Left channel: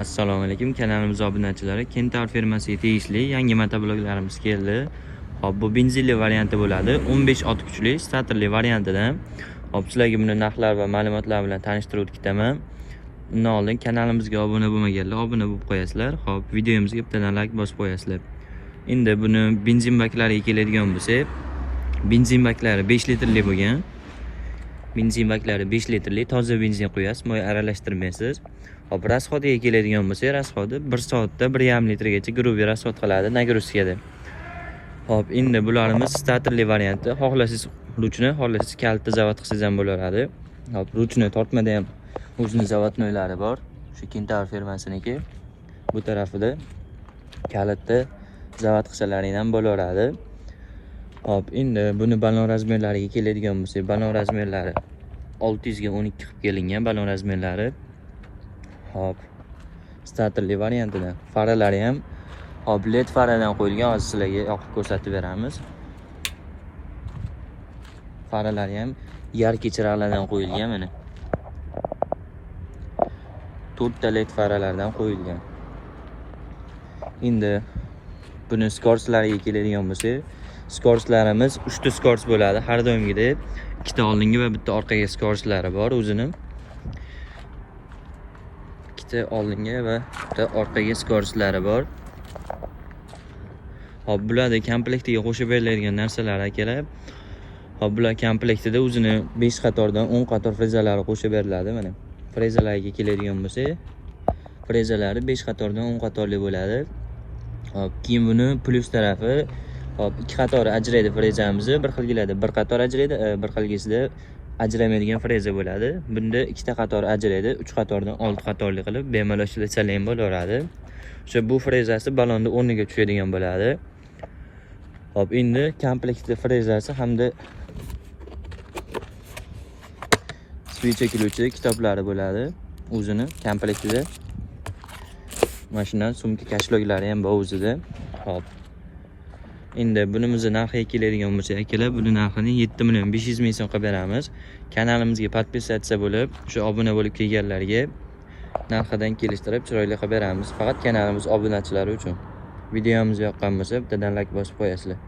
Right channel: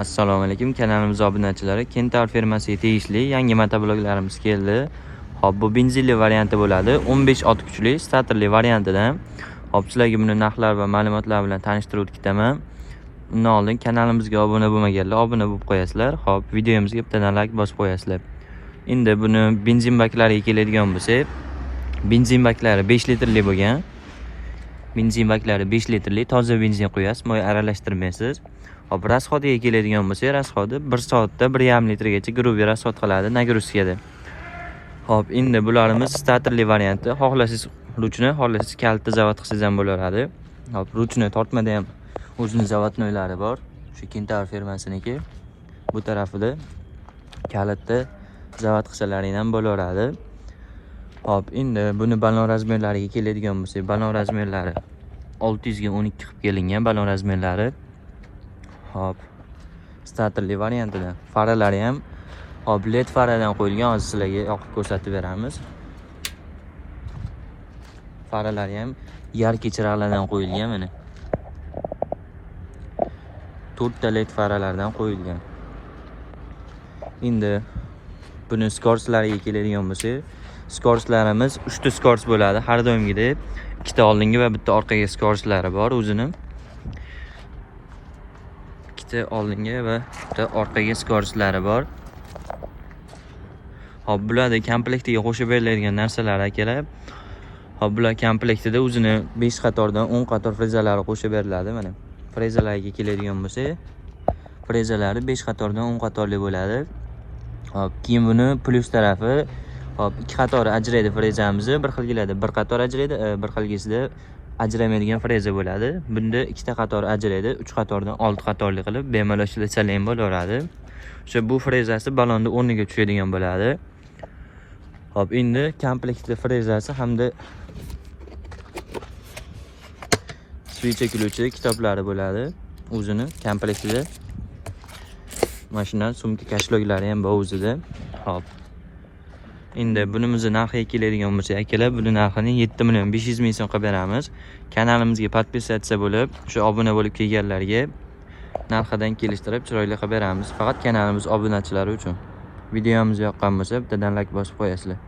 Assalomu alaykum, kanalimiz obunachilari. Kentar fermasiga tegishli yangi motobloklarimiz keldi. Hop, bu benzinli varianti bo'ladi. 15 ot kuchli starterli variantidan. Hop, sizlarga buni narxlar va ma'lumotlar bilan tanishtirib o'tkaman. Undan oldin kanalimizga obuna bo'lmaganlar obuna bo'lib qo'yasizlar. Hop, videomizga bittadan like bosib qo'yasizlar. Endi buni benzin baklariga keladigan bo'lsak, benzin baklari 5 litrli bo'lgan. Benzin baklari 5 litrli toza benzin qo'yasiz, moy aralashtirmaysiz. Hop, rasxodiga keladigan bo'lsak, rasxodi 1 soatda 1,5 litrgacha grubiy rasxod qiladi nagruzkada. Hop, endi bularimiz starterli varianti. Xohlasangiz ruchni, xohlasangiz kalitni zavod qilsangiz ham bo'laveradi. Hop, ruchni tortmada ham o'zining zavodnoylari bor. Shu Kentar fermasiniki. Bu tarafida kalitni zavod qilsalaring ham bo'laveradi. Hop, endi buni balon razmerlariga keladigan bo'lsak, balon razmerlari 600 ga 12 qilib kelingan balon razmerlari. Hop, starterli variantidan. Faralari ham hop led faradan qo'yilgan. Hozir sizlarga yoqib ko'rsatib beramiz. Faralari ham yarki chiroqlardan qo'yilgan mana. 4 ta led faralardan qo'yilgan. Endi buni skorslariga keladigan bo'lsak, skorslarimiz 3 ta skors bo'ladi. Har doimgidek ikkita oldingi va bitta orqaga skorslari bor o'zining. Ikkita oldingi va bitta orqaga skorslari bor. Hop, bularda komplektiga qo'shib beriladigan narsalar akalar. Hop, bular komplektida o'zini 5 qatordan 10 qator frezalari qo'shib beriladi mana. Frezalarga keladigan bo'lsak, frezalari 5 qatordan 10 qatorli bo'ladi. Hop, keyin buni plyus tarafi hop 2 qator ajraydi frezamizni. Bir xilgilada bir qator ajraydi, bir xilgisida ajramaydigan freza bo'ladi. Bunda 2 ta qator ajraydi, 3 qatordan 6 qatorli qilib bemalol ishlasalar ham bo'laveradi. O'sha bu frezasi balonni o'rniga tushadigan bo'ladi. Hop, endi komplektda frezasi hamda suv chekiluvchi kitoblari bo'ladi. O'zini komplektida mashinaning sumka kashloklari ham bor o'zida. Hop. Endi bunimizni narxiga keladigan bo'lsak, akalar, buni narxini 7,500,000 so'm qilib beramiz. Kanalimizga podpisatsiya bo'lib, shu obuna bo'lib kelganlarga narxidan kelishtirib chiroyli qilib beramiz. Faqat kanalimiz obunachilari uchun. Videomiz yoqqan bo'lsa, bittadan like bosib qo'yasizlar.